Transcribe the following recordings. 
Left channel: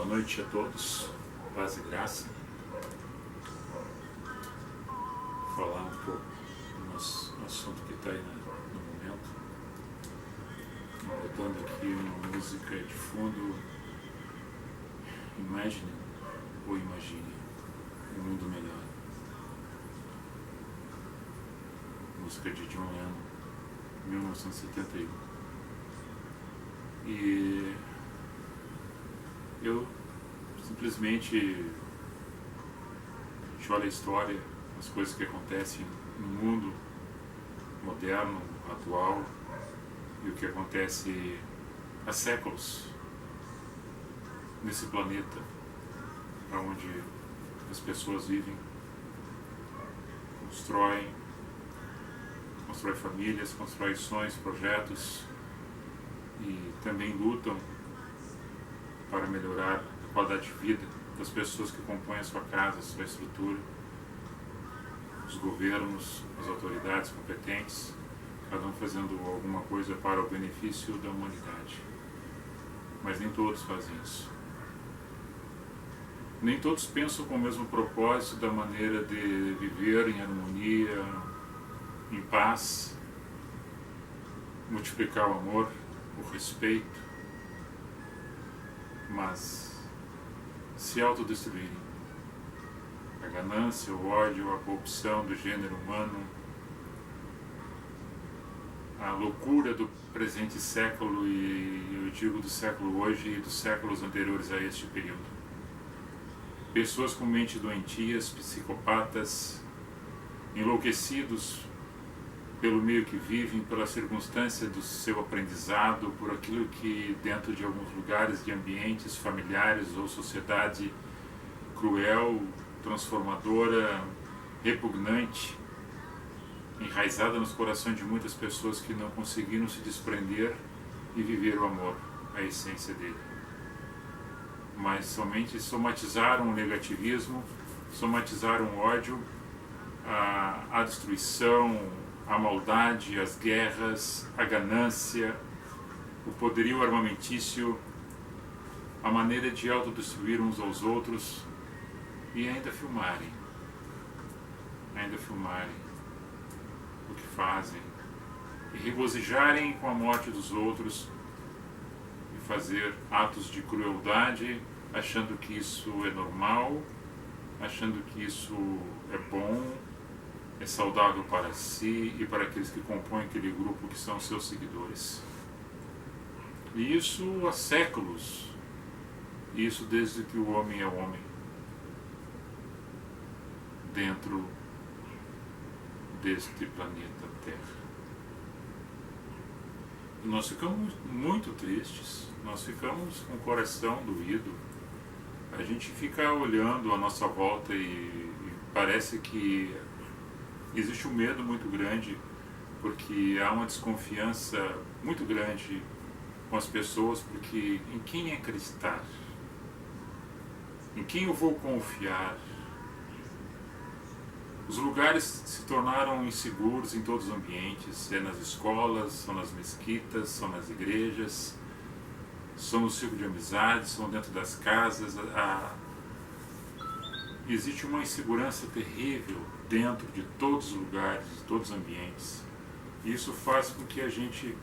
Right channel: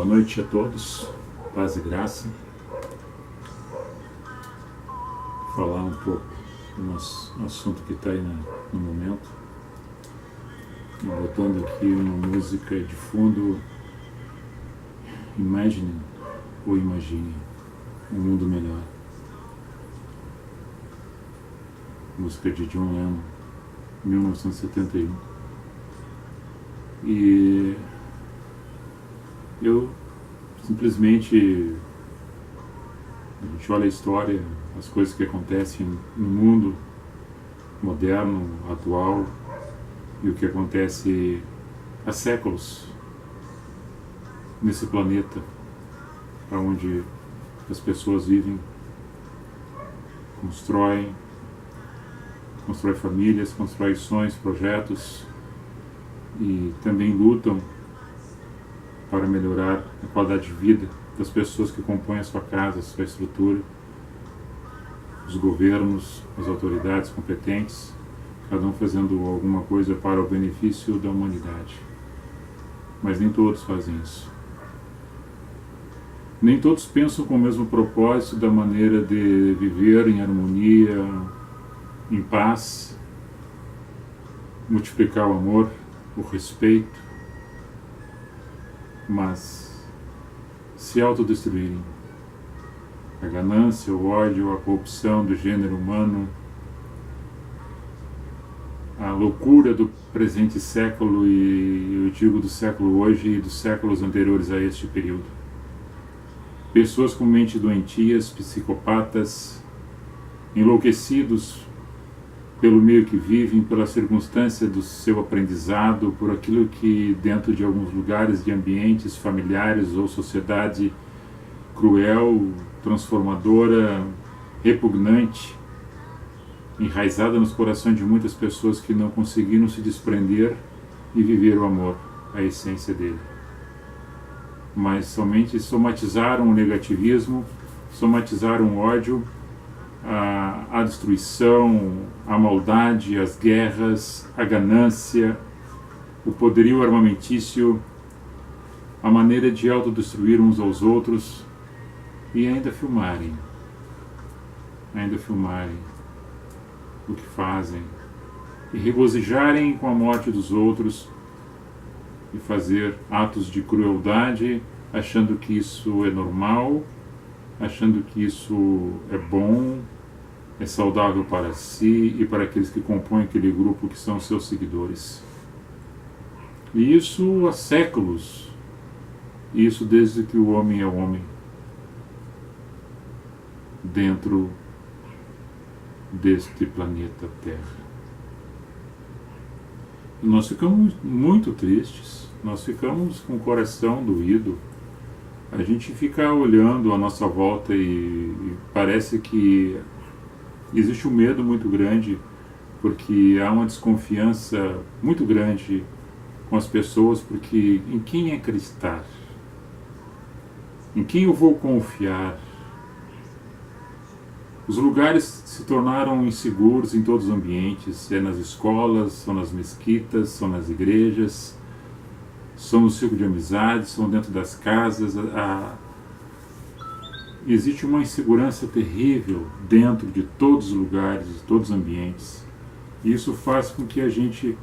Boa noite a todos, paz e graça. Vou falar um pouco do nosso assunto que está aí no momento. Botando aqui uma música de fundo, Imagine ou Imagine um mundo melhor. Música de John Lennon, 1971. E eu simplesmente, a gente olha a história, as coisas que acontecem no mundo moderno, atual, e o que acontece há séculos nesse planeta, onde as pessoas vivem, constroem famílias, constroem sonhos, projetos, e também lutam para melhorar a qualidade de vida das pessoas que compõem a sua casa, a sua estrutura, os governos, as autoridades competentes, cada um fazendo alguma coisa para o benefício da humanidade. Mas nem todos fazem isso. Nem todos pensam com o mesmo propósito da maneira de viver em harmonia, em paz, multiplicar o amor, o respeito, mas se autodestruírem. A ganância, o ódio, a corrupção do gênero humano, a loucura do presente século, e eu digo do século hoje e dos séculos anteriores a este período. Pessoas com mente doentias, psicopatas, enlouquecidos pelo meio que vivem, pela circunstância do seu aprendizado, por aquilo que dentro de alguns lugares, de ambientes familiares ou sociedade cruel, transformadora, repugnante, enraizada nos corações de muitas pessoas que não conseguiram se desprender e viver o amor, a essência dele. Mas somente somatizaram o negativismo, somatizaram o ódio, a destruição, a maldade, as guerras, a ganância, o poderio armamentício, a maneira de autodestruir uns aos outros, e ainda filmarem o que fazem, e regozijarem com a morte dos outros, e fazer atos de crueldade, achando que isso é normal, achando que isso é bom, é saudável para si e para aqueles que compõem aquele grupo que são seus seguidores. E isso há séculos, isso desde que o homem é homem, dentro deste planeta Terra. E nós ficamos muito tristes, nós ficamos com o coração doído. A gente fica olhando à nossa volta e parece que existe um medo muito grande, porque há uma desconfiança muito grande com as pessoas, porque em quem acreditar? Em quem eu vou confiar? Os lugares se tornaram inseguros em todos os ambientes, é nas escolas, são nas mesquitas, são nas igrejas, são no círculo de amizades, são dentro das casas. Existe uma insegurança terrível dentro de todos os lugares, de todos os ambientes. E isso faz com que a gente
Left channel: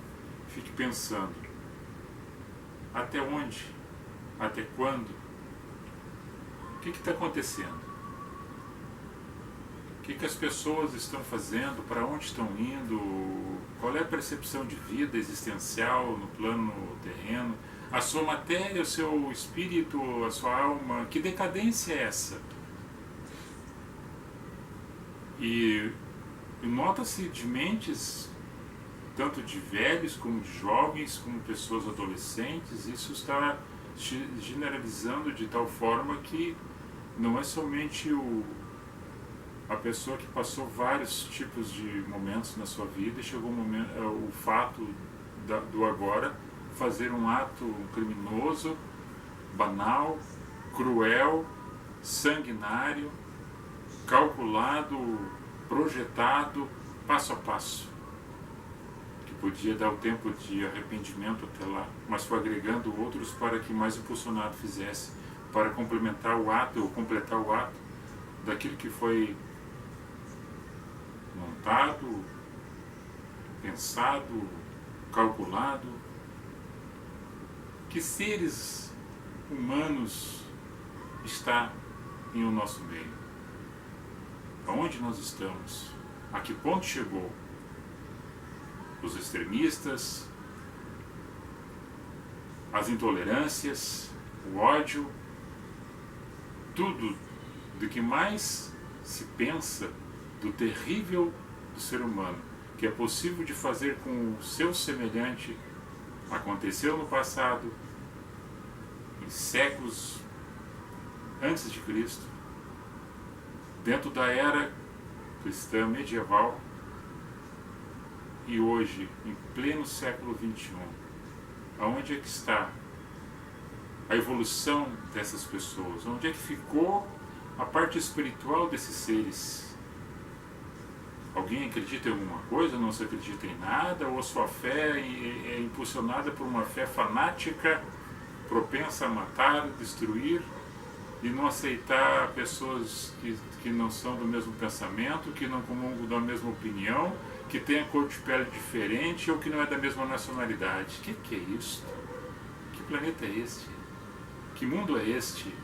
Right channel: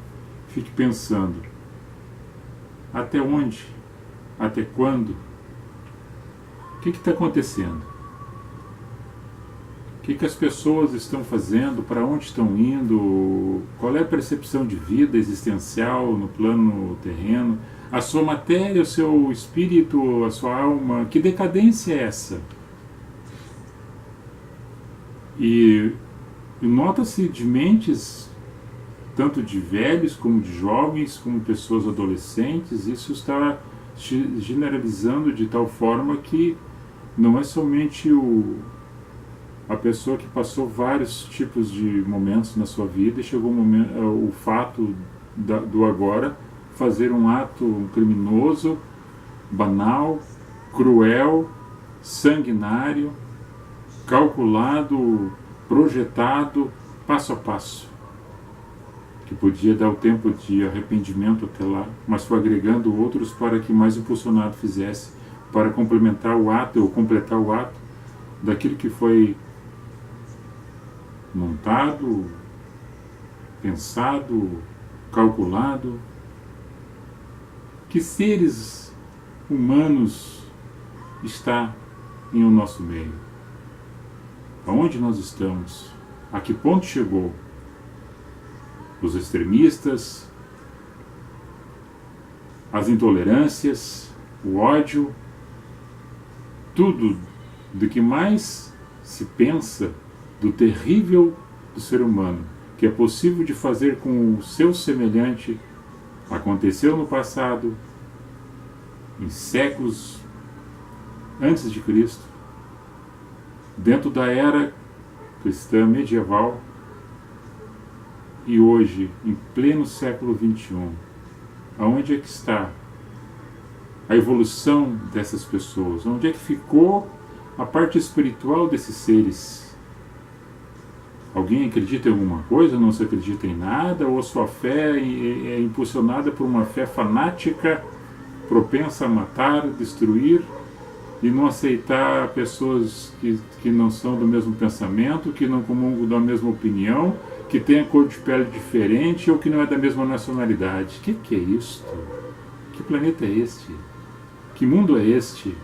fique pensando: até onde? Até quando? O que está acontecendo? O que as pessoas estão fazendo? Para onde estão indo? Qual é a percepção de vida existencial no plano terreno? A sua matéria, o seu espírito, a sua alma, que decadência é essa? E nota-se de mentes, tanto de velhos como de jovens, como pessoas adolescentes, isso está generalizando de tal forma que não é somente a pessoa que passou vários tipos de momentos na sua vida e chegou o fato do agora fazer um ato criminoso, banal, cruel, sanguinário, calculado, projetado, passo a passo, que podia dar o tempo de arrependimento até lá, mas foi agregando outros para que mais impulsionado fizesse, para complementar o ato ou completar o ato daquilo que foi montado, pensado, calculado. Que seres humanos está em o nosso meio? Aonde nós estamos? A que ponto chegou? Os extremistas, as intolerâncias, o ódio, tudo do que mais se pensa do terrível do ser humano, que é possível de fazer com o seu semelhante, aconteceu no passado, em séculos antes de Cristo, dentro da era cristã medieval, e hoje, em pleno século XXI, aonde é que está a evolução dessas pessoas? Onde é que ficou a parte espiritual desses seres? Alguém acredita em alguma coisa, não se acredita em nada, ou a sua fé é impulsionada por uma fé fanática, propensa a matar, destruir, e não aceitar pessoas que não são do mesmo pensamento, que não comungam da mesma opinião, que tem a cor de pele diferente ou que não é da mesma nacionalidade? Que é isto? Que planeta é este? Que mundo é este?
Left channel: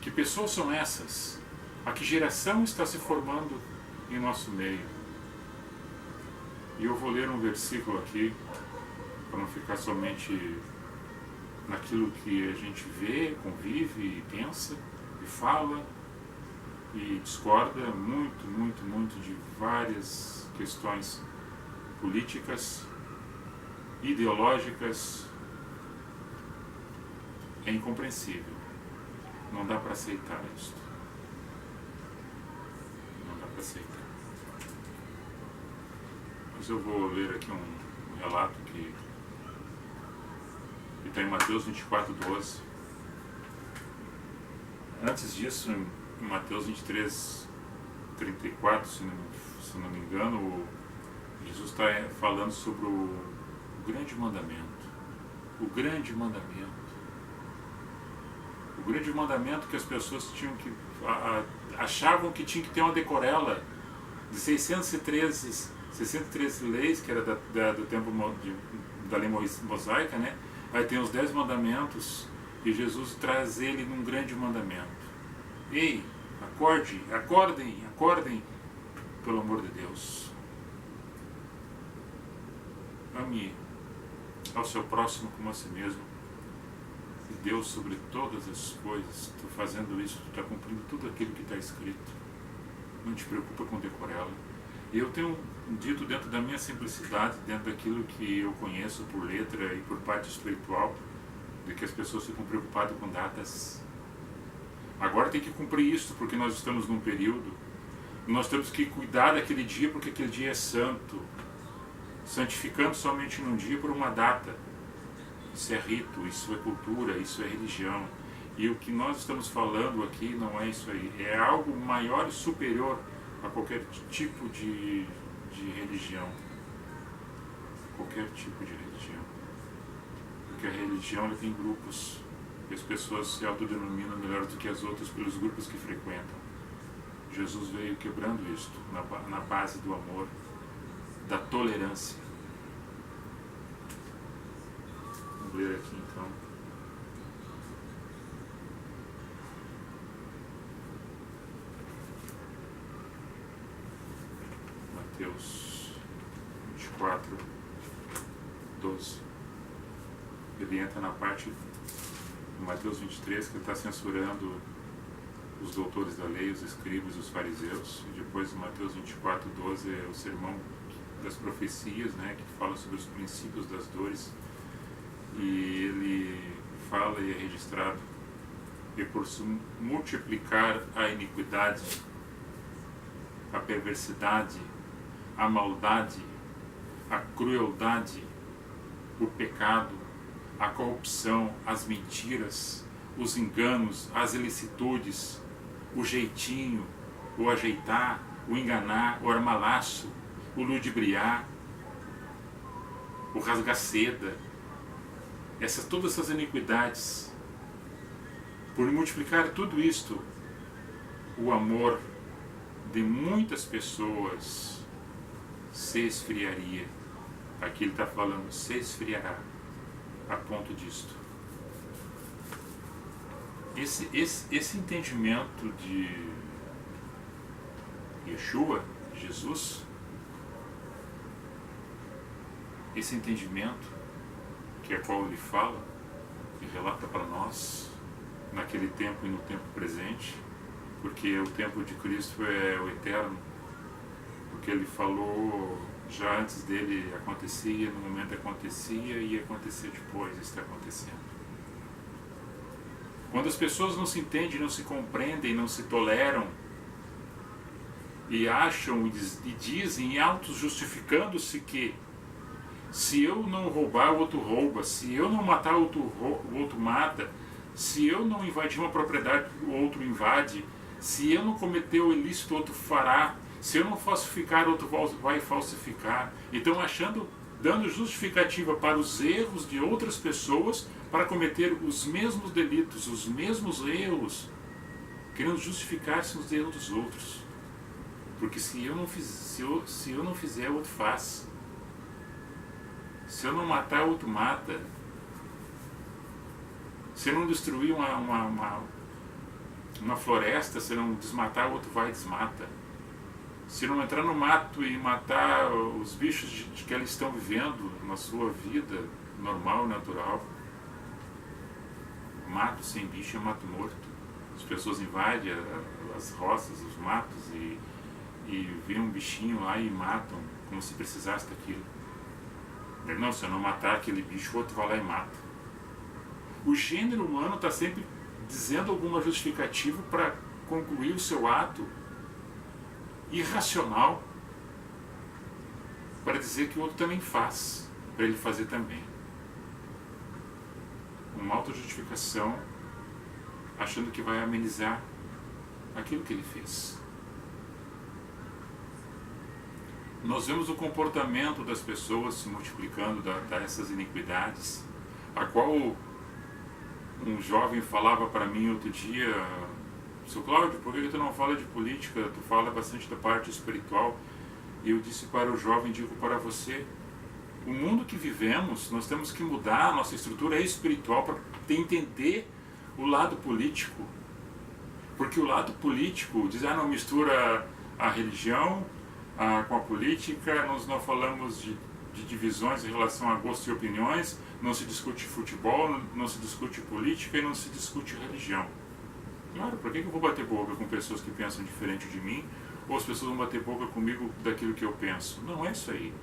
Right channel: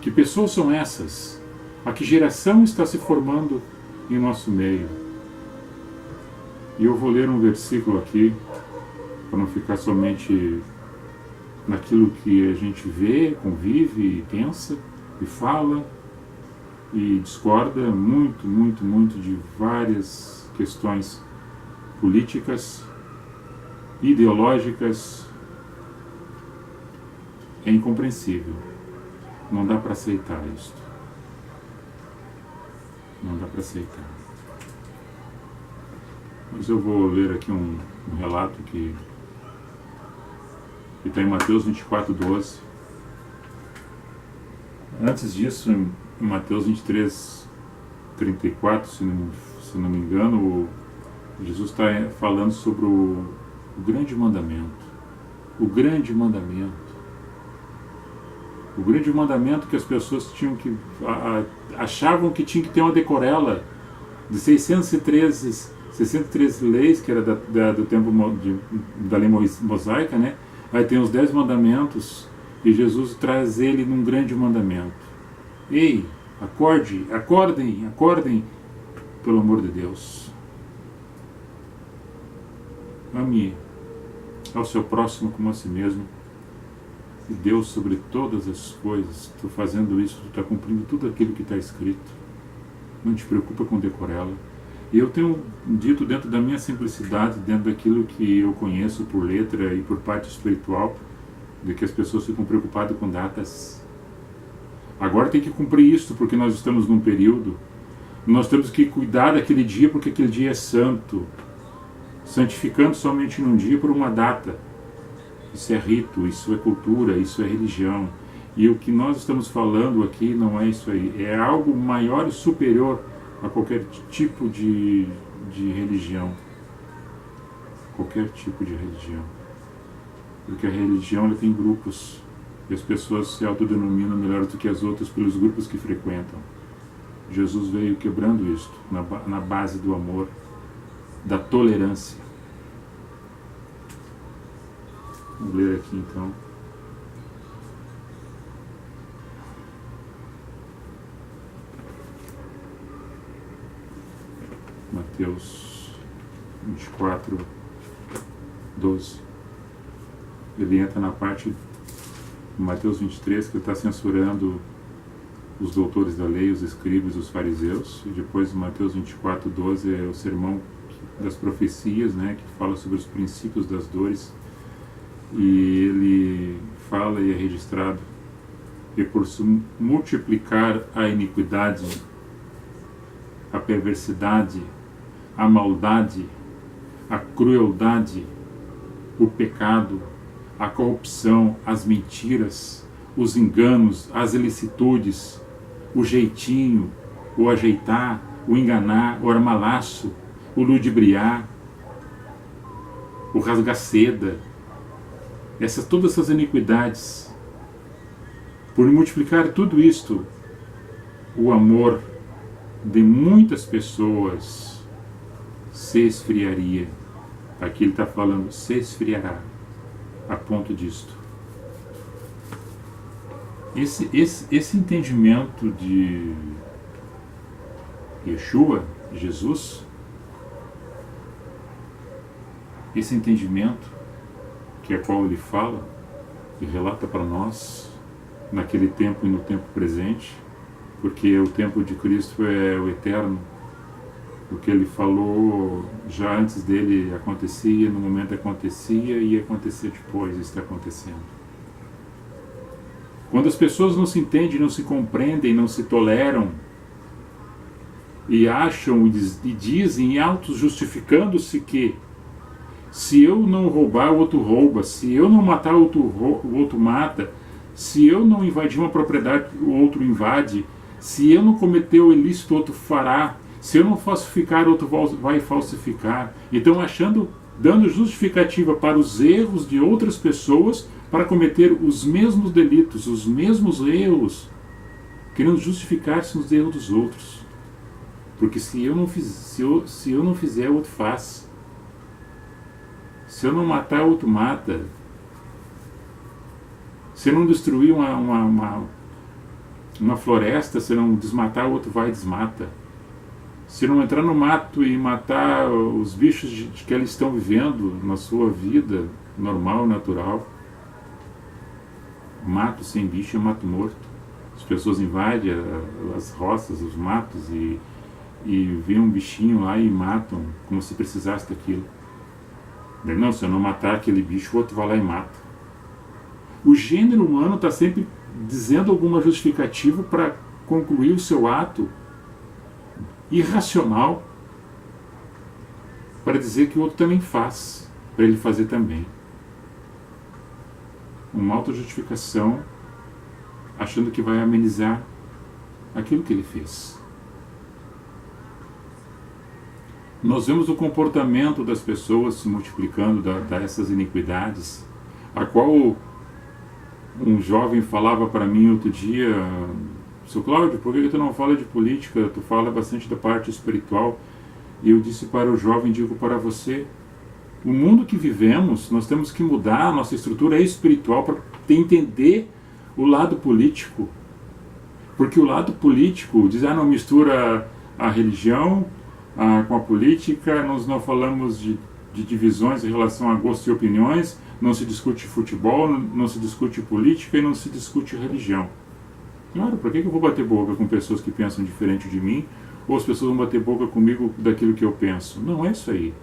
Que pessoas são essas? A que geração está se formando em nosso meio? E eu vou ler um versículo aqui, para não ficar somente naquilo que a gente vê, convive e pensa e fala e discorda muito, muito, muito de várias questões políticas, ideológicas. É incompreensível. Não dá para aceitar isto. Não dá para aceitar. Mas eu vou ler aqui um relato que está em Mateus 24:12. Antes disso, em Mateus 23:34, se não me engano, Jesus está falando sobre o grande mandamento. O grande mandamento. O grande mandamento que as pessoas tinham que achavam que tinha que ter uma decorela de 613 leis, que era do tempo da lei mosaica, né? Aí tem os 10 mandamentos e Jesus traz ele num grande mandamento. Ei, acordem, pelo amor de Deus. Ame ao seu próximo como a si mesmo. E Deus sobre todas as coisas. Tu fazendo isso, tu está cumprindo tudo aquilo que está escrito. Não te preocupa com decorela. E eu tenho dito dentro da minha simplicidade, dentro daquilo que eu conheço por letra e por parte espiritual, de que as pessoas ficam preocupadas com datas. Agora tem que cumprir isso, porque nós estamos num período. Nós temos que cuidar daquele dia, porque aquele dia é santo. Santificando somente num dia por uma data. Isso é rito, isso é cultura, isso é religião. E o que nós estamos falando aqui não é isso aí. É algo maior e superior a qualquer tipo de religião. Qualquer tipo de religião. Porque a religião ela tem grupos. E as pessoas se autodenominam melhor do que as outras pelos grupos que frequentam. Jesus veio quebrando isto na base do amor, da tolerância. Vamos ler aqui então. Mateus 24:12. Ele entra na parte de Mateus 23, que ele está censurando os doutores da lei, os escribas, os fariseus. E depois Mateus 24:12 é o sermão das profecias, né, que fala sobre os princípios das dores. E ele fala e é registrado: e por se multiplicar a iniquidade, a perversidade, a maldade, a crueldade, o pecado, a corrupção, as mentiras, os enganos, as ilicitudes, o jeitinho, o ajeitar, o enganar, o armalaço, o ludibriar, o rasgar seda, todas essas iniquidades Por multiplicar tudo isto, o amor de muitas pessoas se esfriaria. Aqui ele está falando, se esfriará, a ponto disto. Esse entendimento de Yeshua, Jesus, esse entendimento que é qual ele fala e relata para nós naquele tempo e no tempo presente, porque o tempo de Cristo é o eterno. O que ele falou já antes dele acontecia, no momento acontecia e ia acontecer depois, está acontecendo. Quando as pessoas não se entendem, não se compreendem, não se toleram e acham e dizem, auto-justificando-se que se eu não roubar, o outro rouba, se eu não matar, o outro mata, se eu não invadir uma propriedade, o outro invade, se eu não cometer o ilícito, o outro fará, se eu não falsificar, o outro vai falsificar. Então dando justificativa para os erros de outras pessoas para cometer os mesmos delitos, os mesmos erros, querendo justificar-se nos erros dos outros. Porque se eu não fizer, o outro faz. Se eu não matar, o outro mata. Se eu não destruir uma floresta, se eu não desmatar, o outro vai e desmata. Se eu não entrar no mato e matar os bichos que eles estão vivendo na sua vida normal, natural, mato sem bicho é mato morto. As pessoas invadem as roças, os matos e vê um bichinho lá e matam como se precisasse daquilo. Não, se eu não matar aquele bicho, o outro vai lá e mata. O gênero humano está sempre dizendo alguma justificativa para concluir o seu ato irracional, para dizer que o outro também faz, para ele fazer também. Uma autojustificação, achando que vai amenizar aquilo que ele fez. Nós vemos o comportamento das pessoas se multiplicando dessas iniquidades, a qual um jovem falava para mim outro dia: Seu Cláudio, por que tu não fala de política? Tu fala bastante da parte espiritual. E eu disse para o jovem, digo para você, o mundo que vivemos, nós temos que mudar a nossa estrutura espiritual para entender o lado político. Porque o lado político diz, não mistura a religião com a política, nós não falamos de divisões em relação a gostos e opiniões, não se discute futebol, não se discute política e não se discute religião. Claro, por que eu vou bater boca com pessoas que pensam diferente de mim, ou as pessoas vão bater boca comigo daquilo que eu penso? Não é isso aí.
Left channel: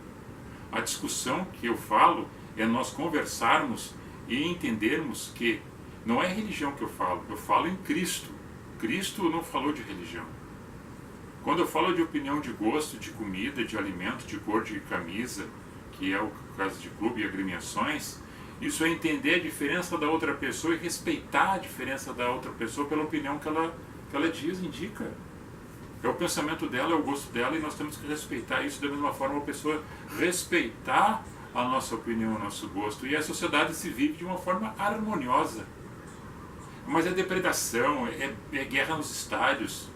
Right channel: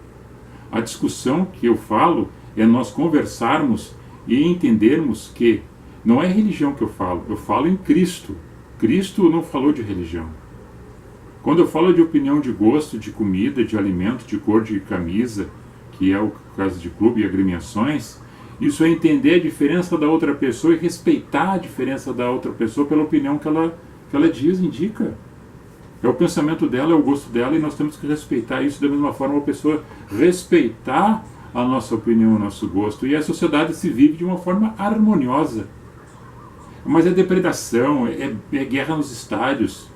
A discussão que eu falo é nós conversarmos e entendermos que não é religião que eu falo em Cristo. Cristo não falou de religião. Quando eu falo de opinião de gosto, de comida, de alimento, de cor de camisa, que é o caso de clube e agremiações, isso é entender a diferença da outra pessoa e respeitar a diferença da outra pessoa pela opinião que ela diz, indica. É o pensamento dela, é o gosto dela, e nós temos que respeitar isso da mesma forma, a pessoa respeitar a nossa opinião, o nosso gosto. E a sociedade se vive de uma forma harmoniosa. Mas é depredação, é guerra nos estádios,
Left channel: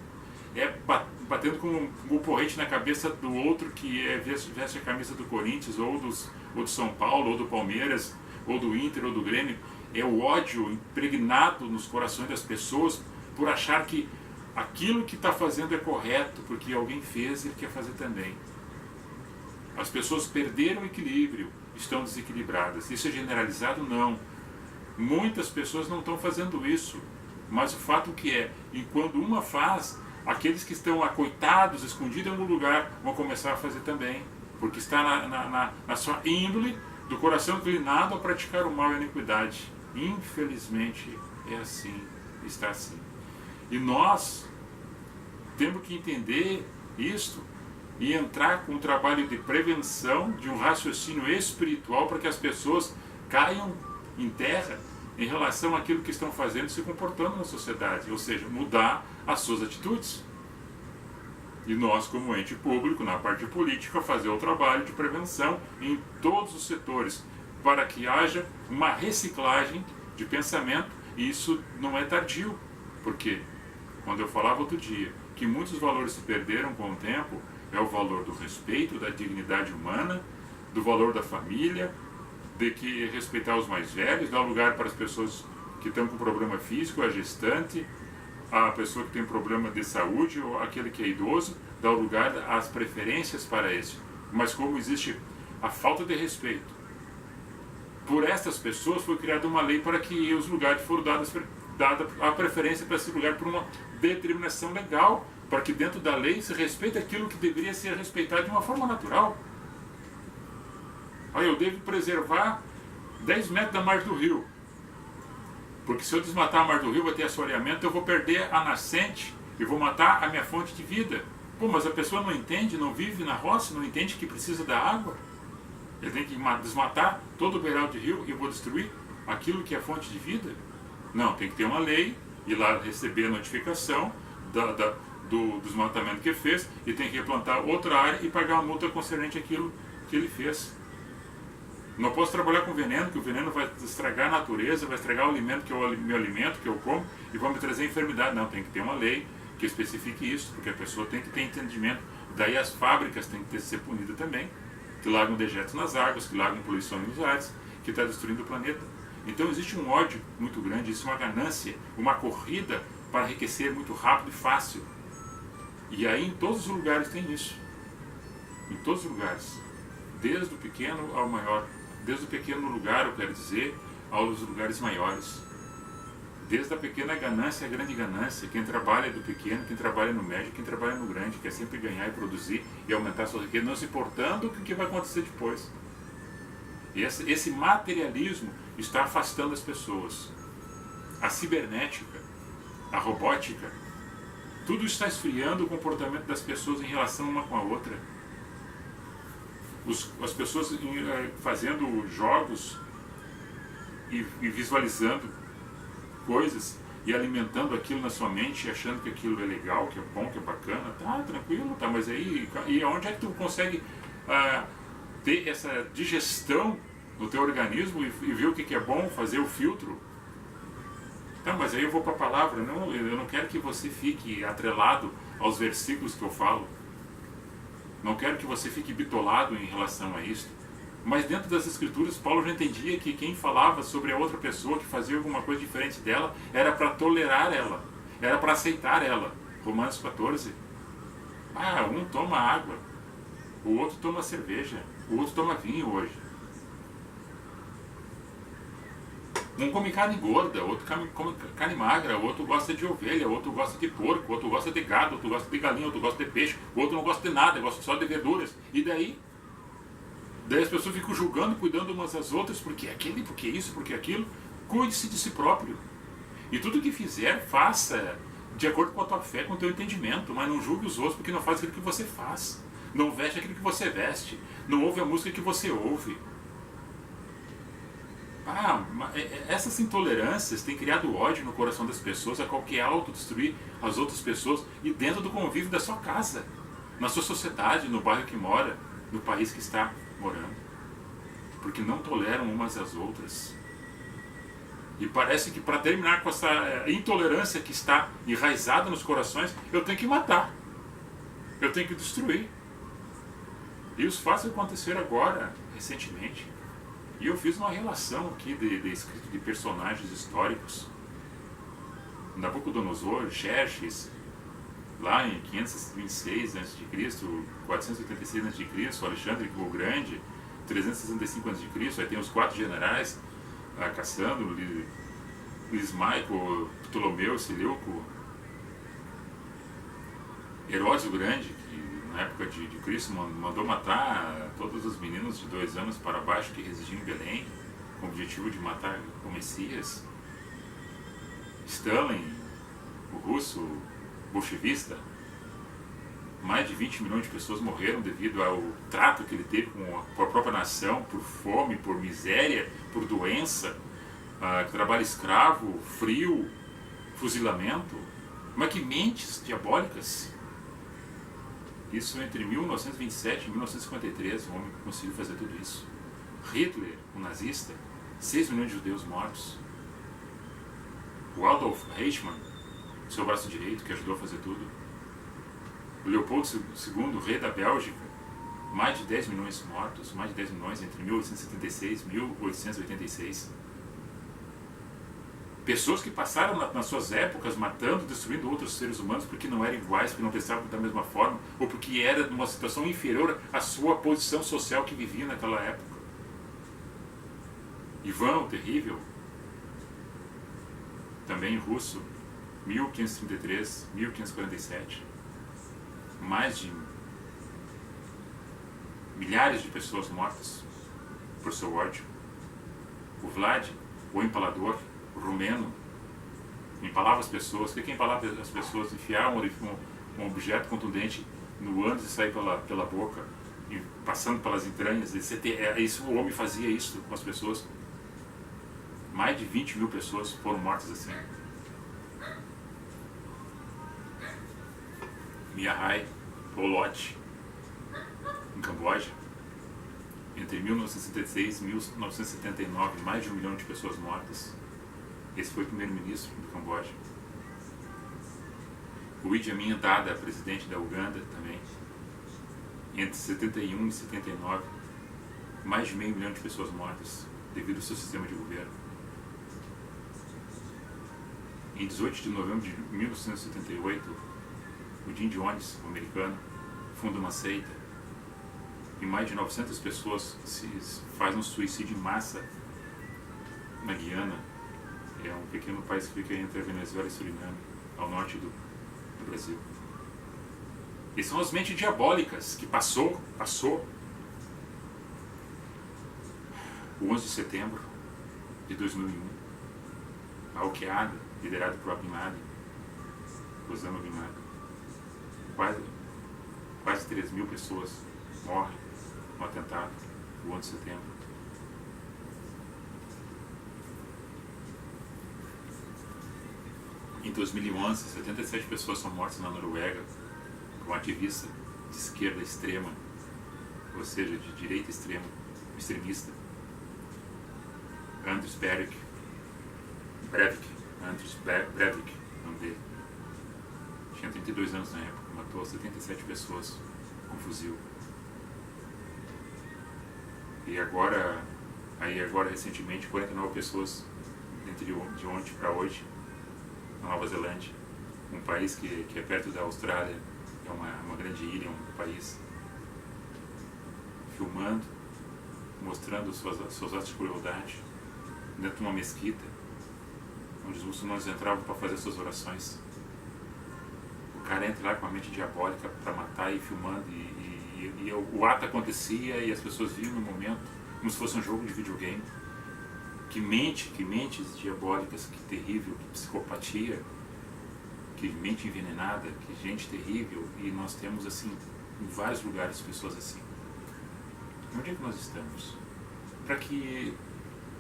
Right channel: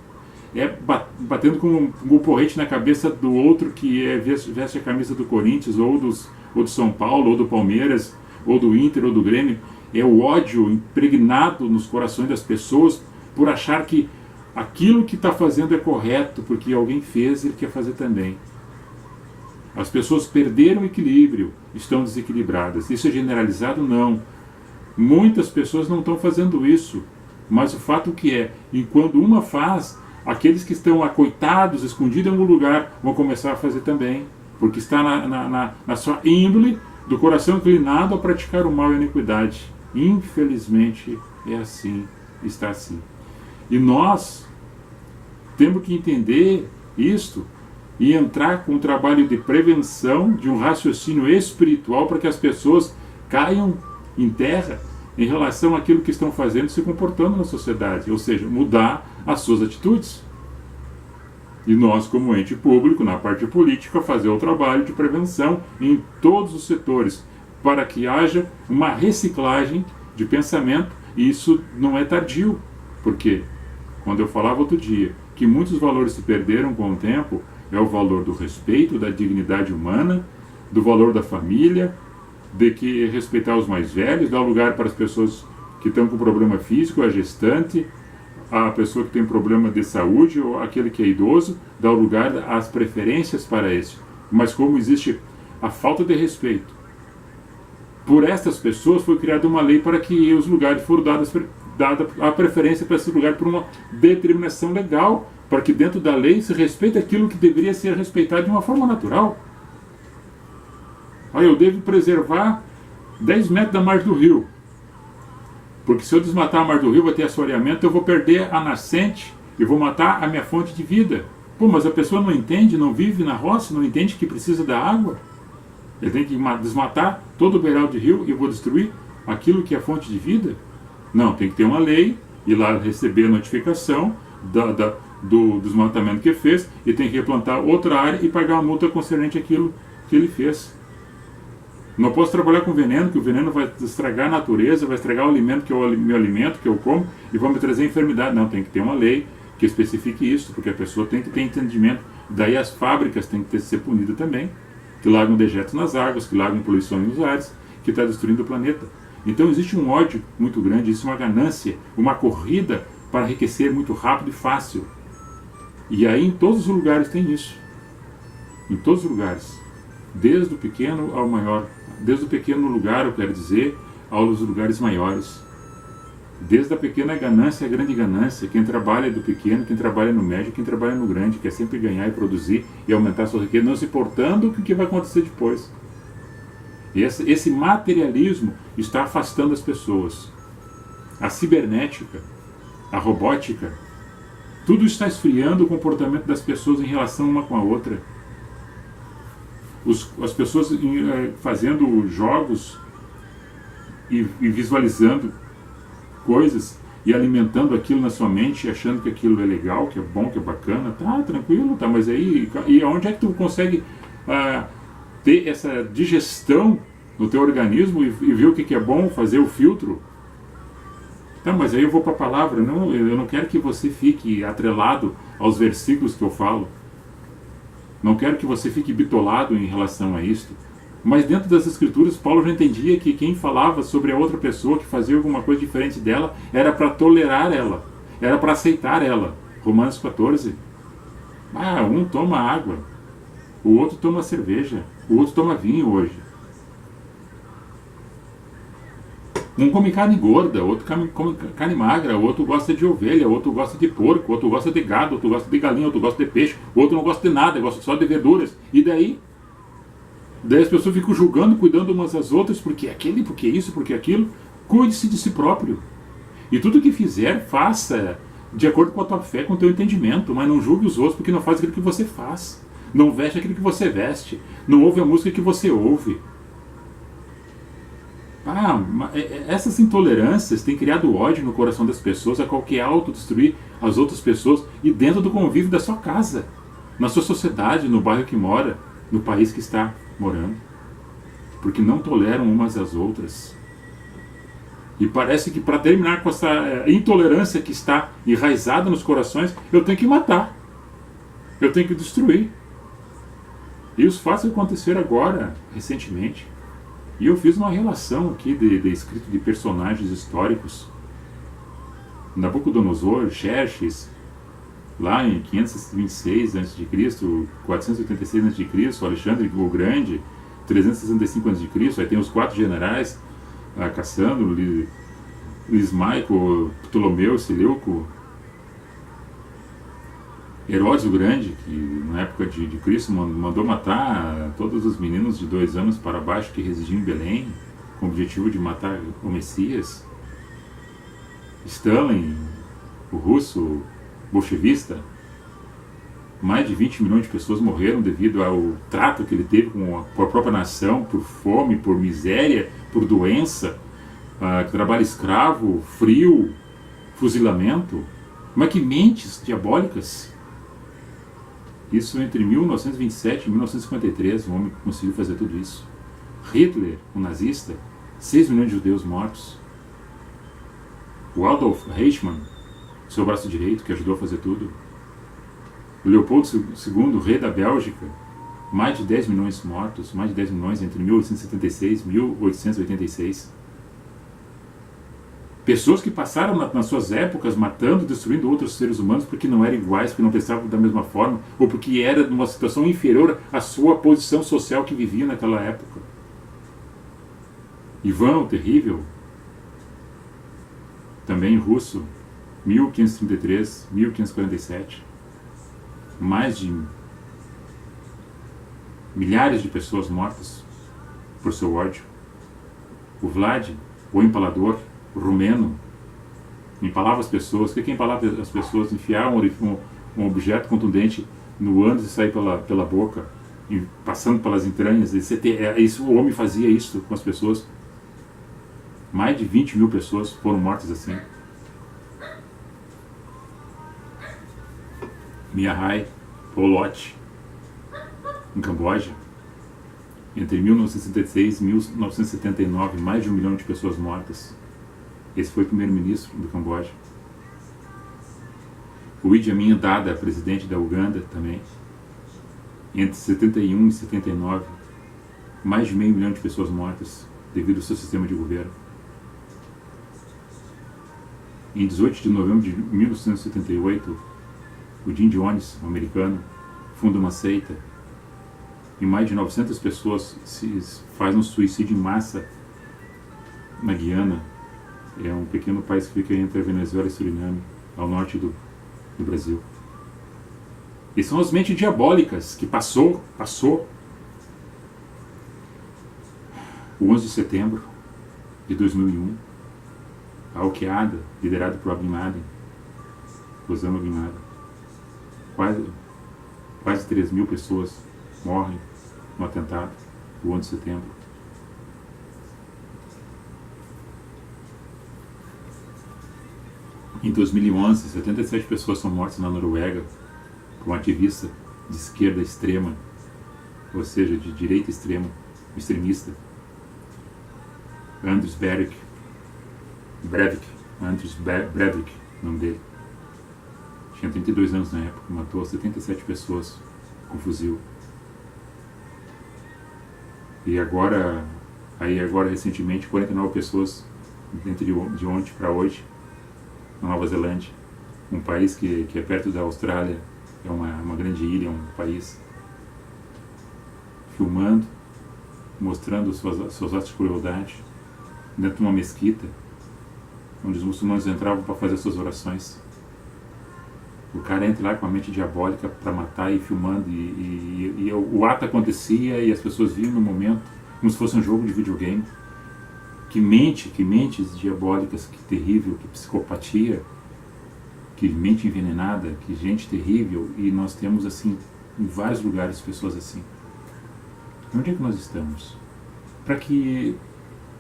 é batendo com um porrete na cabeça do outro que veste a camisa do Corinthians, ou do São Paulo, ou do Palmeiras, ou do Inter, ou do Grêmio. É o ódio impregnado nos corações das pessoas por achar que aquilo que está fazendo é correto, porque alguém fez e ele quer fazer também. As pessoas perderam o equilíbrio, estão desequilibradas. Isso é generalizado? Não. Muitas pessoas não estão fazendo isso, mas o fato que é, enquanto uma faz, aqueles que estão acoitados, escondidos em algum lugar, vão começar a fazer também, porque está na sua índole do coração inclinado a praticar o mal e a iniquidade. Infelizmente é assim, está assim. E nós temos que entender isto e entrar com um trabalho de prevenção, de um raciocínio espiritual, para que as pessoas caiam em terra em relação àquilo que estão fazendo, se comportando na sociedade, ou seja, mudar as suas atitudes. E nós, como ente público, na parte política, fazer o trabalho de prevenção em todos os setores, para que haja uma reciclagem de pensamento E isso não é tardio, porque quando eu falava outro dia que muitos valores se perderam com o tempo, é o valor do respeito, da dignidade humana, do valor da família, de que respeitar os mais velhos, dar lugar para as pessoas que estão com problema físico, a gestante, a pessoa que tem problema de saúde ou aquele que é idoso, dar lugar às preferências para esse. Mas como existe a falta de respeito por estas pessoas, foi criada uma lei para que os lugares foram dada a preferência para esse lugar por uma determinação legal, para que dentro da lei se respeite aquilo que deveria ser respeitado de uma forma natural. Eu devo preservar 10 metros da margem do rio, porque se eu desmatar a margem do rio vai ter assoreamento, eu vou perder a nascente e vou matar a minha fonte de vida. Mas a pessoa não entende, não vive na roça, não entende que precisa da água. Ele tem que desmatar todo o beiral de rio e eu vou destruir aquilo que é a fonte de vida? Não, tem que ter uma lei, ir lá receber a notificação do desmatamento que fez e tem que replantar outra área e pagar uma multa concernente àquilo que ele fez. Não posso trabalhar com veneno, que o veneno vai estragar a natureza, vai estragar o alimento que é o meu alimento, que eu como, e vai me trazer enfermidade. Não, tem que ter uma lei que especifique isso, porque a pessoa tem que ter entendimento. Daí as fábricas têm que ser punidas também, que largam dejetos nas águas, que largam poluição nos ares, que está destruindo o planeta. Então existe um ódio muito grande, existe uma ganância, uma corrida para enriquecer muito rápido e fácil. E aí em todos os lugares tem isso. Em todos os lugares. Desde o pequeno ao maior. Desde o pequeno lugar, eu quero dizer, aos lugares maiores. Desde a pequena ganância à grande ganância. Quem trabalha do pequeno, quem trabalha no médio, quem trabalha no grande, quer sempre ganhar e produzir e aumentar a sua riqueza, não se importando com o que vai acontecer depois. E esse materialismo está afastando as pessoas. A cibernética, a robótica, tudo está esfriando o comportamento das pessoas em relação uma com a outra. As pessoas fazendo jogos e visualizando coisas e alimentando aquilo na sua mente, achando que aquilo é legal, que é bom, que é bacana, tá tranquilo, tá, mas aí e onde é que tu consegue ter essa digestão no teu organismo e ver o que é bom, fazer o filtro? Tá, mas aí eu vou para a palavra, não, eu não quero que você fique atrelado aos versículos que eu falo. Não quero que você fique bitolado em relação a isto. Mas dentro das escrituras, Paulo já entendia que quem falava sobre a outra pessoa, que fazia alguma coisa diferente dela, era para tolerar ela, era para aceitar ela. Romanos 14. Um toma água, o outro toma cerveja, o outro toma vinho hoje. Um come carne gorda, outro come carne magra, outro gosta de ovelha, outro gosta de porco, outro gosta de gado, outro gosta de galinha, outro gosta de peixe, outro não gosta de nada, gosta só de verduras. E daí? Daí as pessoas ficam julgando, cuidando umas das outras, porque aquele, porque isso, porque aquilo. Cuide-se de si próprio. E tudo que fizer, faça de acordo com a tua fé, com o teu entendimento, mas não julgue os outros porque não faz aquilo que você faz. Não veste aquilo que você veste. Não ouve a música que você ouve. Essas intolerâncias têm criado ódio no coração das pessoas, a qual quer autodestruir as outras pessoas e dentro do convívio da sua casa, na sua sociedade, no bairro que mora, no país que está morando, porque não toleram umas às outras. E parece que para terminar com essa intolerância que está enraizada nos corações, eu tenho que matar, eu tenho que destruir. E os fatos aconteceram agora, recentemente. E eu fiz uma relação aqui de escrito de personagens históricos. Nabucodonosor, Xerxes, lá em 526 a.C., 486 a.C., Alexandre o Grande, 365 a.C., aí tem os 4 generais, Cassandro, Lismaico, Ptolomeu, Seleuco, Herodes o Grande, que na época de Cristo mandou matar todos os meninos de 2 anos para baixo que residiam em Belém, com o objetivo de matar o Messias. Stalin, o russo bolchevista, mais de 20 milhões de pessoas morreram devido ao trato que ele teve com a própria nação, por fome, por miséria, por doença, trabalho escravo, frio, fuzilamento. Mas que mentes diabólicas! Isso entre 1927 e 1953, um homem que conseguiu fazer tudo isso. Hitler, um nazista, 6 milhões de judeus mortos. O Adolf Eichmann, seu braço direito, que ajudou a fazer tudo. O Leopoldo II, rei da Bélgica, mais de 10 milhões mortos, mais de 10 milhões entre 1876 e 1886. Pessoas que passaram nas suas épocas matando, destruindo outros seres humanos porque não eram iguais, porque não pensavam da mesma forma, ou porque era numa situação inferior à sua posição social que vivia naquela época. Ivan o Terrível, também russo, 1533, 1547. Mais de milhares de pessoas mortas por seu ódio. O Vlad, o Empalador, o Romeno, empalava as pessoas. O que é empalar as pessoas? Enfiar um objeto contundente no ânus e sair pela boca, passando pelas entranhas. O homem fazia isso com as pessoas. Mais de 20 mil pessoas foram mortas assim. Mihai Polot, em Camboja, entre 1966 e 1979, mais de 1 milhão de pessoas mortas. Esse foi o primeiro-ministro do Camboja. O Idi Amin Dada, presidente da Uganda, também, entre 71 e 79, mais de meio milhão de pessoas mortas devido ao seu sistema de governo. Em 18 de novembro de 1978, o Jim Jones, um americano, funda uma seita e mais de 900 pessoas fazem um suicídio em massa na Guiana. É um pequeno país que fica entre a Venezuela e Suriname, ao norte do Brasil. E são as mentes diabólicas que passou o 11 de setembro de 2001, a Al-Qaeda, liderada por Bin Laden, Osama Bin Laden. Quase 3 mil pessoas morrem no atentado do 11 de setembro. Em 2011, 77 pessoas são mortas na Noruega por um ativista de esquerda extrema, ou seja, de direita extrema, um extremista. Anders Breivik, o nome dele. Tinha 32 anos na época, matou 77 pessoas com fuzil. E agora recentemente, 49 pessoas, de ontem para hoje, na Nova Zelândia, um país que é perto da Austrália, é uma grande ilha, um país, filmando, mostrando seus atos de crueldade, dentro de uma mesquita, onde os muçulmanos entravam para fazer suas orações. O cara entra lá com a mente diabólica para matar e filmando, e o ato acontecia e as pessoas viam no momento, como se fosse um jogo de videogame. Que mentes diabólicas, que terrível, que psicopatia, que mente envenenada, que gente terrível. E nós temos assim, em vários lugares, pessoas assim. Onde é que nós estamos?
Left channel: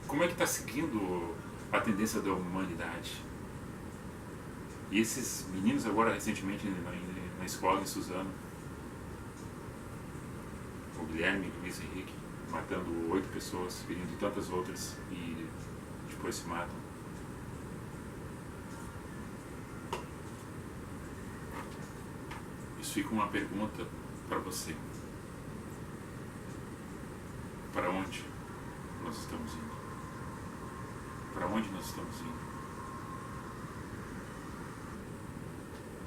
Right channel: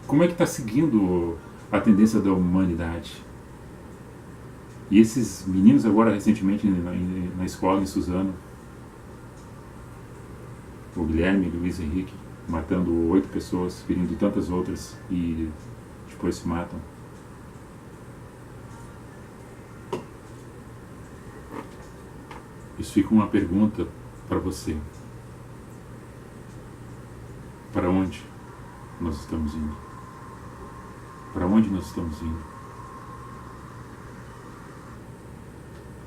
Como é que está seguindo a tendência da humanidade? E esses meninos agora, recentemente, na escola, em Suzano, o Guilherme e o Luiz Henrique, matando 8 pessoas, ferindo tantas outras, e depois se matam. Isso fica uma pergunta para você. Para onde nós estamos indo? Para onde nós estamos indo?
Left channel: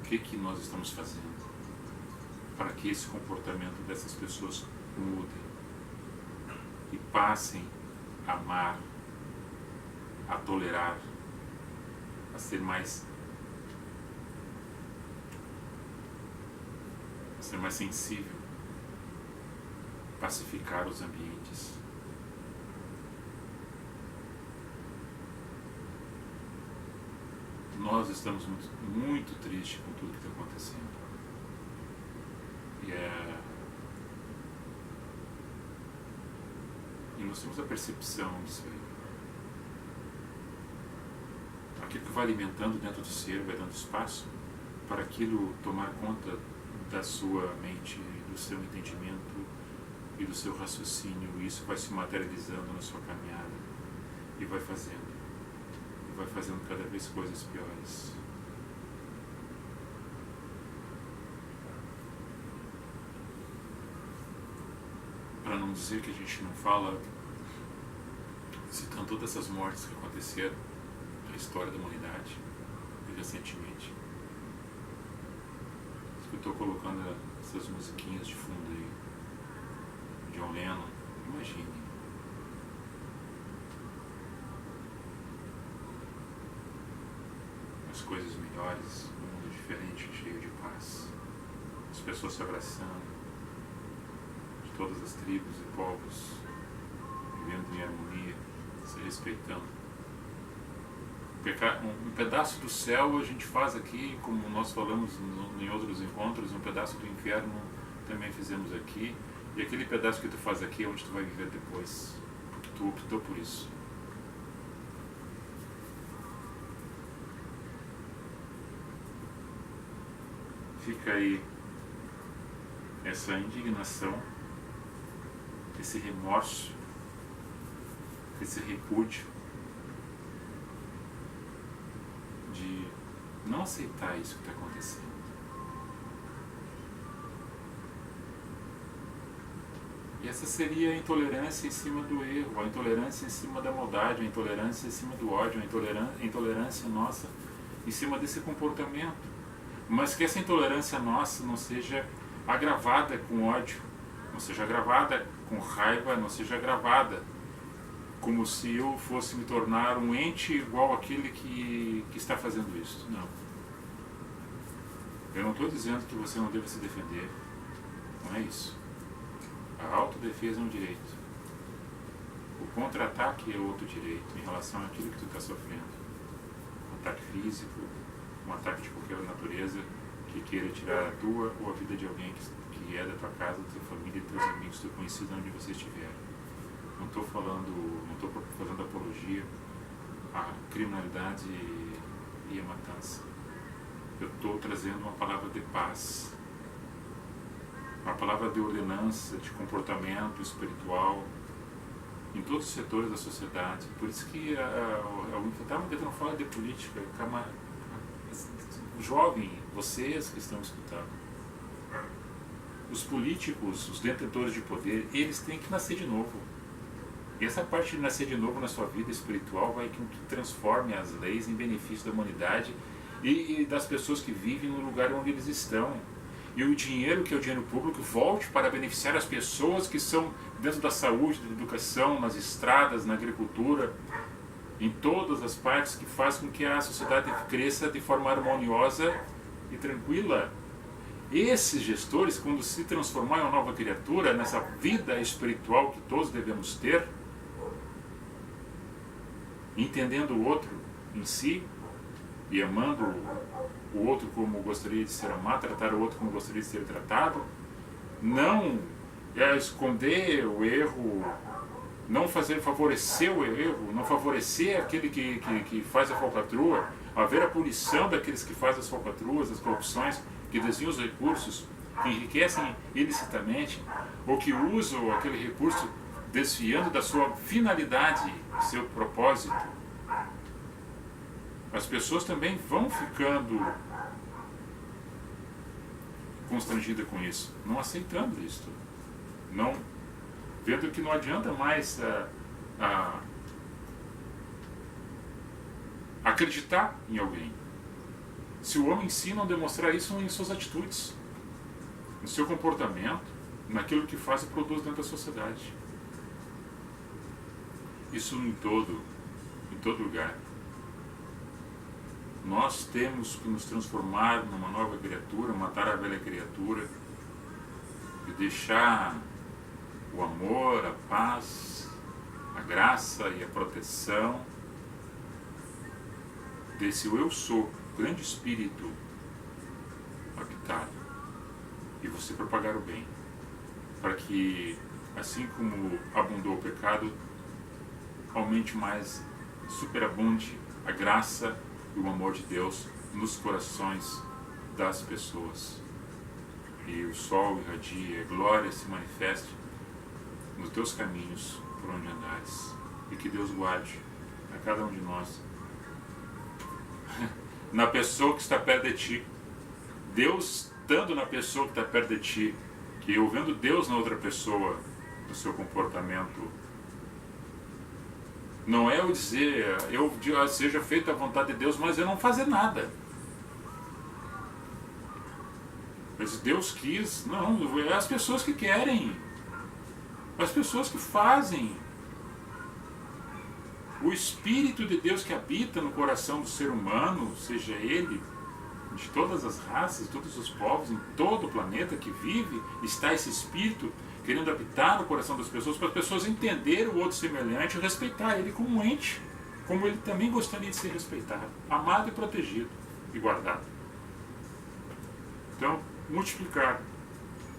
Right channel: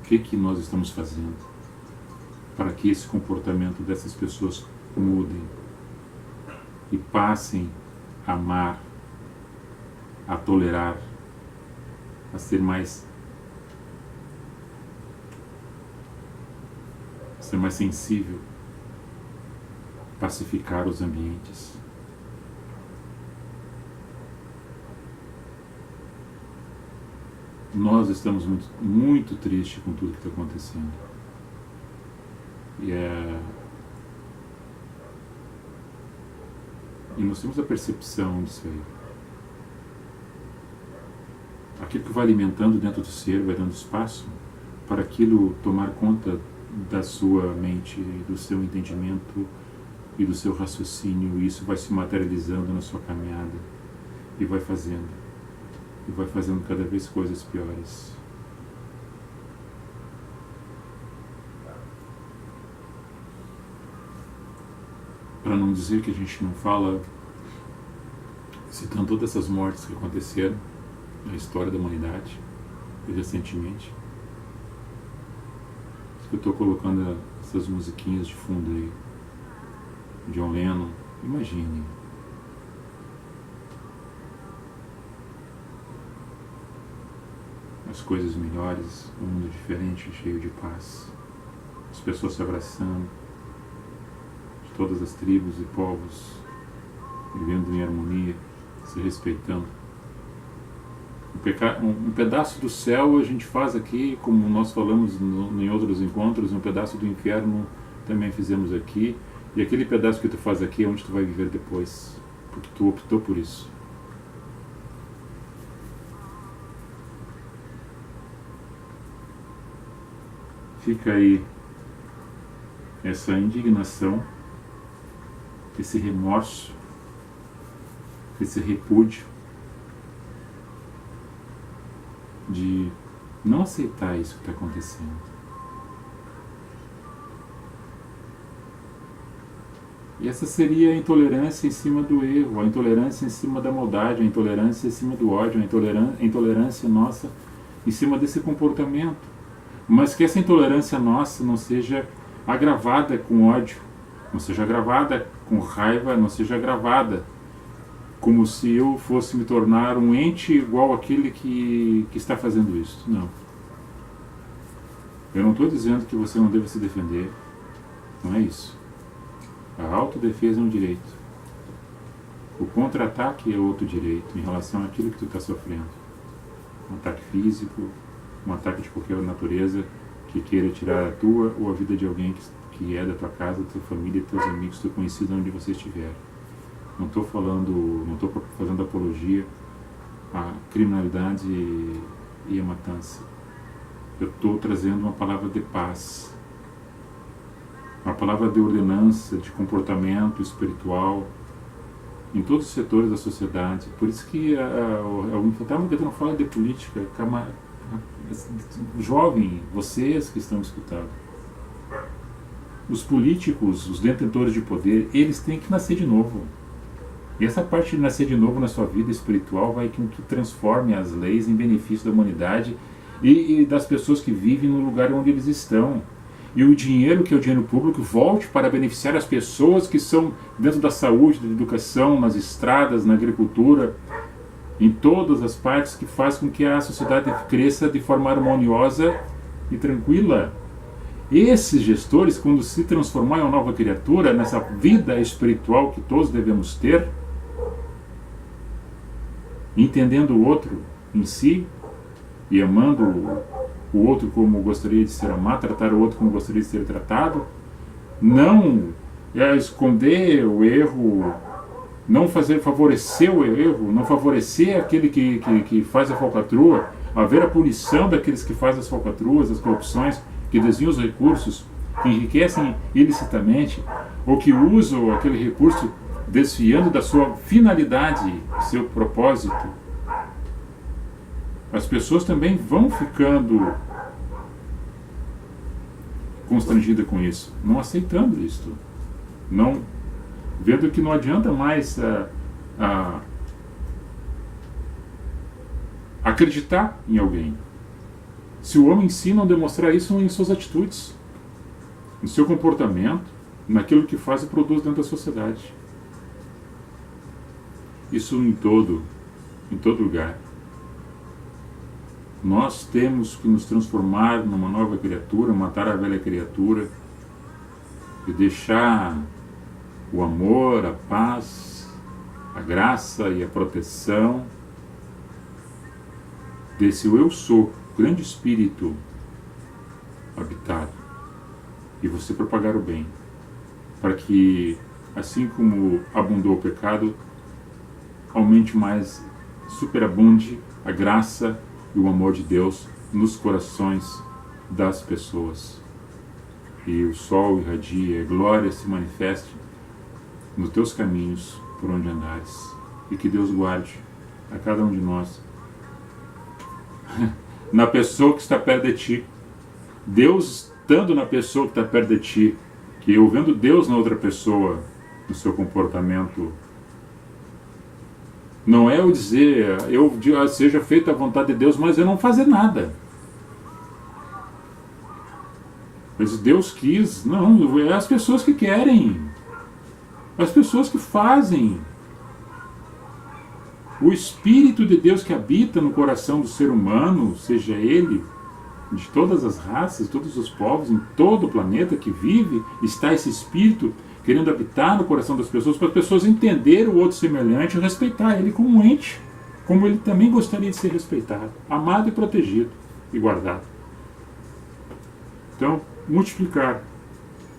O que nós estamos fazendo para que esse comportamento dessas pessoas mudem e passem a amar, a tolerar, a ser mais sensível, pacificar os ambientes. Nós estamos muito tristes com tudo que está acontecendo. E nós temos a percepção disso aí. Aquilo que vai alimentando dentro do ser, vai dando espaço para aquilo tomar conta da sua mente, do seu entendimento e do seu raciocínio. E isso vai se materializando na sua caminhada e vai fazendo. e vai fazendo cada vez coisas piores. Para não dizer que a gente não fala, citando todas essas mortes que aconteceram na história da humanidade, recentemente, eu estou colocando essas musiquinhas de fundo aí, John Lennon. Imagine as coisas melhores, um mundo diferente, cheio de paz, as pessoas se abraçando, de todas as tribos e povos vivendo em harmonia, se respeitando. Um pedaço do céu a gente faz aqui, como nós falamos em outros encontros, um pedaço do inferno também fizemos aqui, e aquele pedaço que tu faz aqui é onde tu vai viver depois, porque tu optou por isso. Fica aí essa indignação, esse remorso, esse repúdio de não aceitar isso que está acontecendo. E essa seria a intolerância em cima do erro, a intolerância em cima da maldade, a intolerância em cima do ódio, a intolerância nossa em cima desse comportamento. Mas que essa intolerância nossa não seja agravada com ódio, não seja agravada com raiva, não seja agravada como se eu fosse me tornar um ente igual àquele que está fazendo isso. Não. Eu não estou dizendo que você não deve se defender. Não é isso. A autodefesa é um direito. O contra-ataque é outro direito em relação àquilo que tu está sofrendo. Um ataque físico, um ataque de qualquer natureza que queira tirar a tua ou a vida de alguém que é da tua casa, da tua família, teus amigos, teu conhecido, onde você estiver. Não estou fazendo apologia à criminalidade e à matança. Eu estou trazendo uma palavra de paz, uma palavra de ordenança, de comportamento espiritual em todos os setores da sociedade. Por isso que o Infantário não fala de política. Jovem, vocês que estão escutando, os políticos, os detentores de poder, eles têm que nascer de novo. E essa parte de nascer de novo na sua vida espiritual vai que tu transforme as leis em benefício da humanidade e das pessoas que vivem no lugar onde eles estão. E o dinheiro, que é o dinheiro público, volte para beneficiar as pessoas que são dentro da saúde, da educação, nas estradas, na agricultura, em todas as partes que faz com que a sociedade cresça de forma harmoniosa e tranquila. Esses gestores, quando se transformar em uma nova criatura, nessa vida espiritual que todos devemos ter, entendendo o outro em si e amando o outro como gostaria de ser amado, tratar o outro como gostaria de ser tratado, não esconder o erro, não favorecer o erro, não favorecer aquele que faz a falcatrua, haver a punição daqueles que fazem as falcatruas, as corrupções, que desviam os recursos, que enriquecem ilicitamente, ou que usam aquele recurso desviando da sua finalidade, seu propósito. As pessoas também vão ficando constrangidas com isso, não aceitando isto, não vendo que não adianta mais acreditar em alguém. Se o homem em si não demonstrar isso em suas atitudes, no seu comportamento, naquilo que faz e produz dentro da sociedade. Isso em todo lugar. Nós temos que nos transformar numa nova criatura, matar a velha criatura e deixar o amor, a paz, a graça e a proteção desse eu sou, grande espírito habitado, e você propagar o bem, para que, assim como abundou o pecado, aumente mais, superabunde a graça e o amor de Deus nos corações das pessoas. E o sol irradie, a glória se manifeste nos teus caminhos por onde andares. E que Deus guarde a cada um de nós na pessoa que está perto de ti. Deus estando na pessoa que está perto de ti, que eu vendo Deus na outra pessoa, no seu comportamento, não é eu dizer, seja feita a vontade de Deus, mas eu não fazer nada. Mas Deus quis, não, é as pessoas que querem, as pessoas que fazem. O Espírito de Deus que habita no coração do ser humano, seja ele de todas as raças, todos os povos, em todo o planeta que vive, está esse Espírito querendo habitar no coração das pessoas, para as pessoas entenderem o outro semelhante e respeitar ele como um ente, como ele também gostaria de ser respeitado, amado e protegido e guardado. Então, multiplicar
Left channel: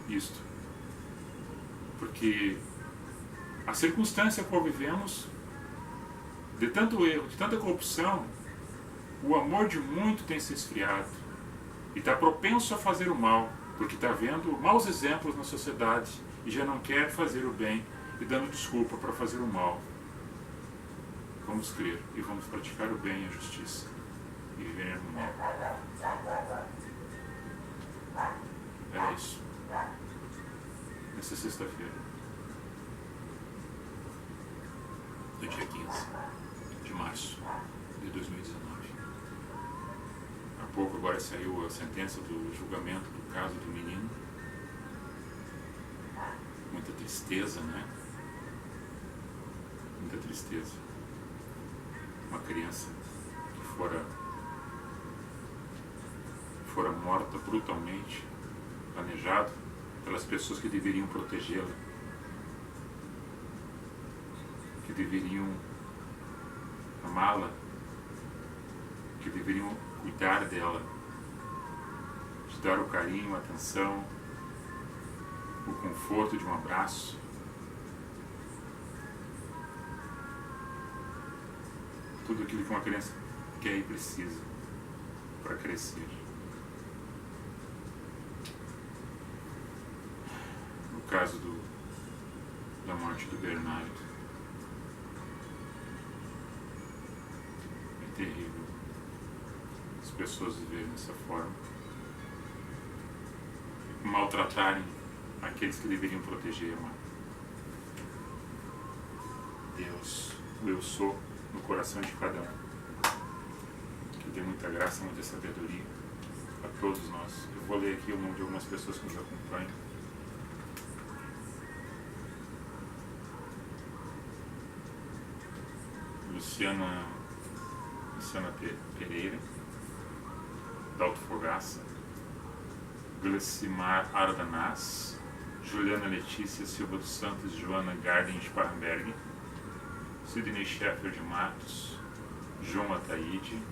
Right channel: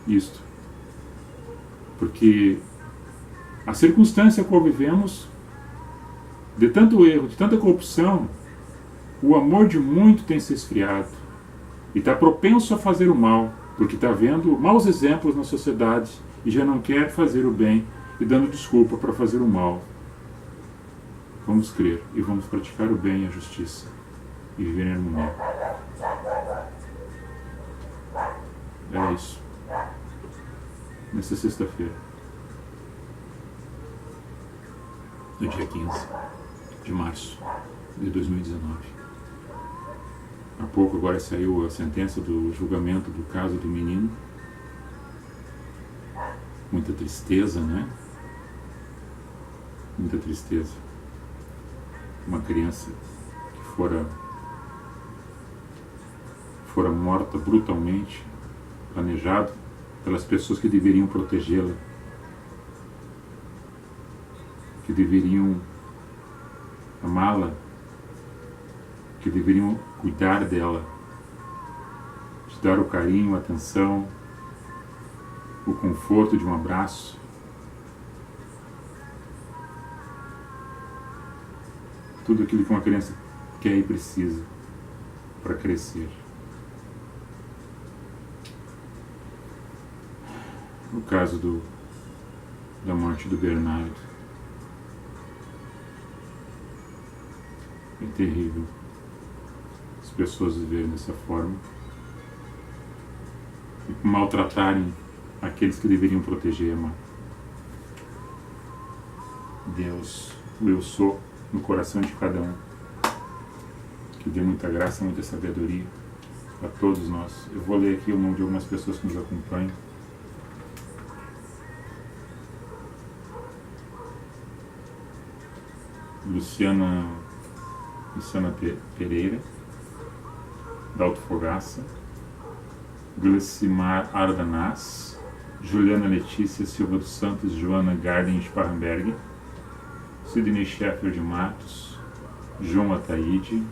isto. Porque a circunstância a qual vivemos, de tanto erro, de tanta corrupção, o amor de muito tem se esfriado e está propenso a fazer o mal, porque está vendo maus exemplos na sociedade e já não quer fazer o bem e dando desculpa para fazer o mal. Vamos crer e vamos praticar o bem e a justiça e viver em harmonia. É isso. Nessa sexta-feira, no dia 15 de março de 2019. Há pouco agora saiu a sentença do julgamento do caso do menino. Muita tristeza, né? Muita tristeza. Uma criança que fora morta brutalmente, planejado pelas pessoas que deveriam protegê-la, que deveriam amá-la, que deveriam cuidar dela, de dar o carinho, a atenção, o conforto de um abraço. Tudo aquilo que uma criança quer e precisa para crescer. No caso da morte do Bernardo, é terrível as pessoas viverem dessa forma e maltratarem aqueles que deveriam proteger e amar. Deus, o eu sou no coração de cada um, que dê muita graça, muita sabedoria a todos nós. Eu vou ler aqui o nome de algumas pessoas que nos acompanham. Luciana Pereira, Dalto Fogaça, Glecimar Ardanaz, Juliana Letícia Silva dos Santos, Joana Garden Sparrenberg, Sidney Sheffer de Matos, João Ataíde,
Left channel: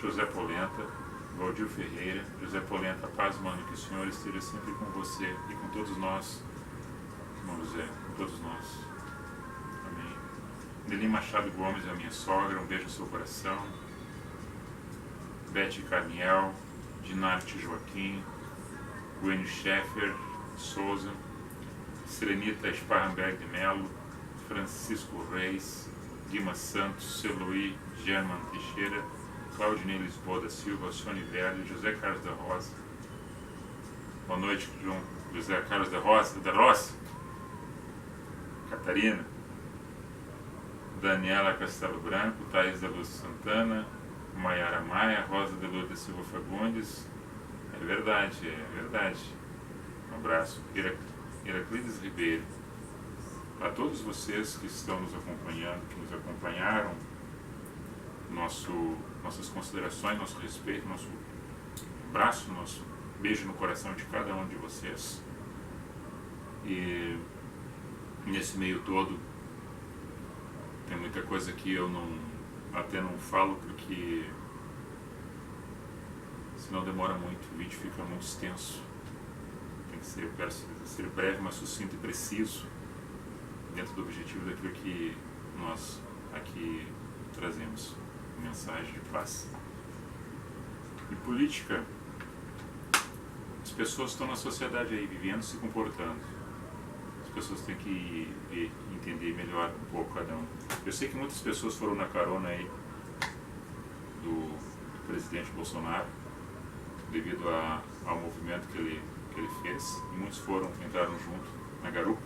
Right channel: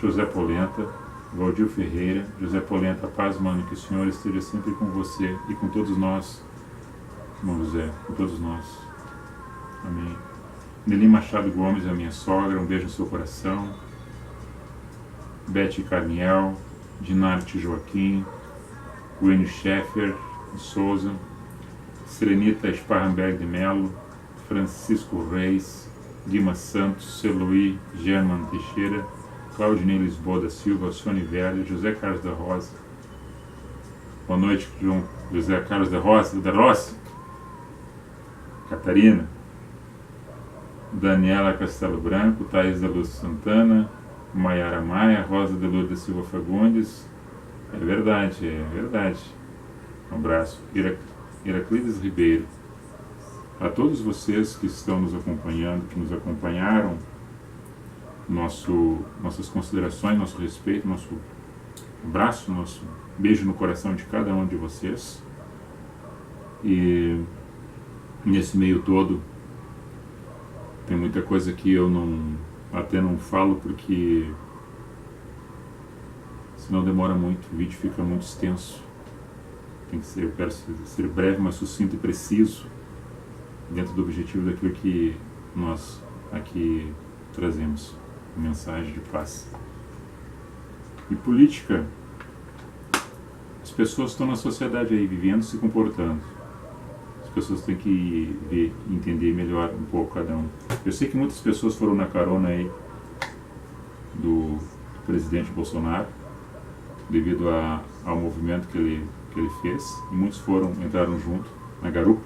José Polenta, Valdir Ferreira. José Polenta, paz, mano, que o Senhor esteja sempre com você e com todos nós, irmão José, com todos nós. Amém. Nelly Machado Gomes, a minha sogra, um beijo no seu coração. Beth Carniel, Dinarte Joaquim, Wayne Sheffer de Souza, Serenita Sparrenberg de Melo, Francisco Reis, Guima Santos, Celuí German Teixeira, Claudinei Lisboa da Silva, Sônia Velho, José Carlos da Rosa. Boa noite, João José Carlos da Roça, Catarina, Daniela Castelo Branco, Thaís da Luz Santana, Maiara Maia, Rosa de Lourdes da Silva Fagundes. É verdade. Um abraço. Heraclides Ribeiro. A todos vocês que estão nos acompanhando, que nos acompanharam, nossas considerações, nosso respeito, nosso abraço, nosso beijo no coração de cada um de vocês. E nesse meio todo, tem muita coisa que eu até não falo, porque senão demora muito, o vídeo fica muito extenso. Eu quero ser breve, mas sucinto e preciso, dentro do objetivo daquilo que nós aqui trazemos, mensagem de paz. E política, as pessoas estão na sociedade aí, vivendo, se comportando. As pessoas têm que ver, entender melhor um pouco cada um. Eu sei que muitas pessoas foram na carona aí do presidente Bolsonaro, devido ao movimento que ele fez, e muitos entraram junto na garupa,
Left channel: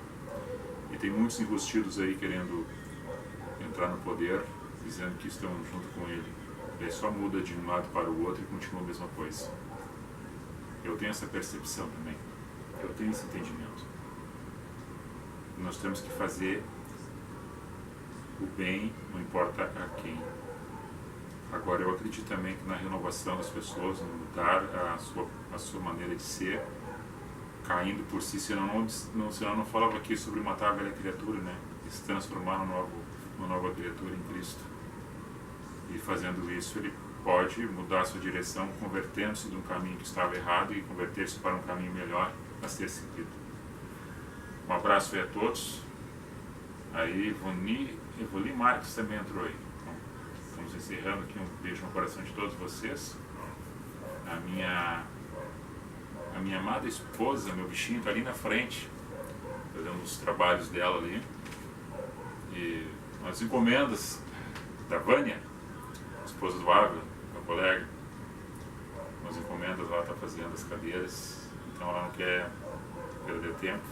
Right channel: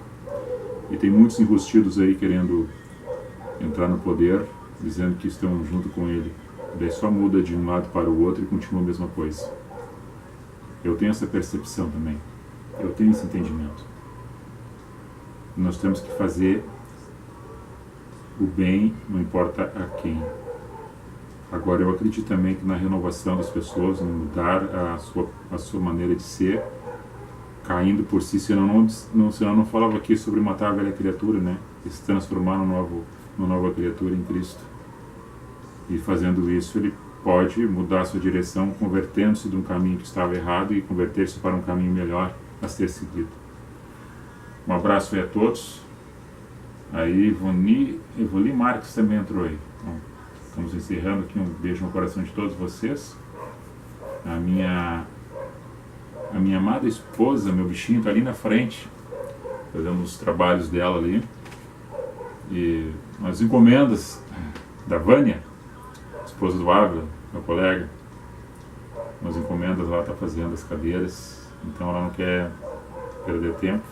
e tem muitos enrustidos aí querendo entrar no poder, dizendo que estão junto com ele. Daí só muda de um lado para o outro e continua a mesma coisa. Eu tenho essa percepção também, eu tenho esse entendimento. Nós temos que fazer o bem, não importa a quem. Agora, eu acredito também que na renovação das pessoas, em mudar a sua maneira de ser, caindo por si, senão não falava aqui sobre matar a velha criatura, né? E se transformar numa nova criatura em Cristo. E fazendo isso, ele pode mudar a sua direção, convertendo-se de um caminho que estava errado e converter-se para um caminho melhor a ser seguido. Um abraço aí a todos. Aí, Evoli Marques também entrou aí. Bom, estamos encerrando aqui. Um beijo no coração de todos vocês. A minha amada esposa, meu bichinho, está ali na frente, fazendo os trabalhos dela ali. E as encomendas da Vânia, esposa do Ávila, meu colega, umas encomendas ela está fazendo as cadeiras, então ela não quer perder tempo.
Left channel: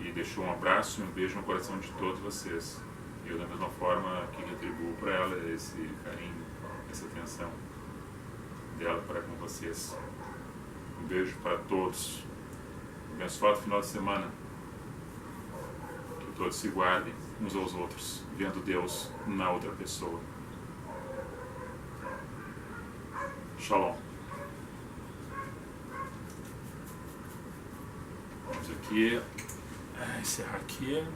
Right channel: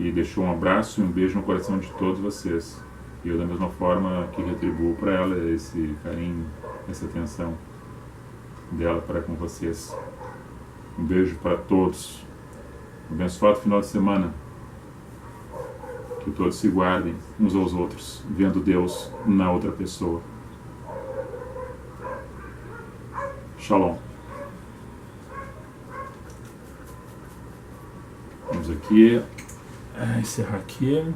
E deixou um abraço e um beijo no coração de todos vocês. E eu, da mesma forma, que retribuo para ela esse carinho, essa atenção dela para com vocês. Um beijo para todos. Um abençoado final de semana. Que todos se guardem uns aos outros, vendo Deus na outra pessoa. Shalom. Vamos aqui encerrar aqui.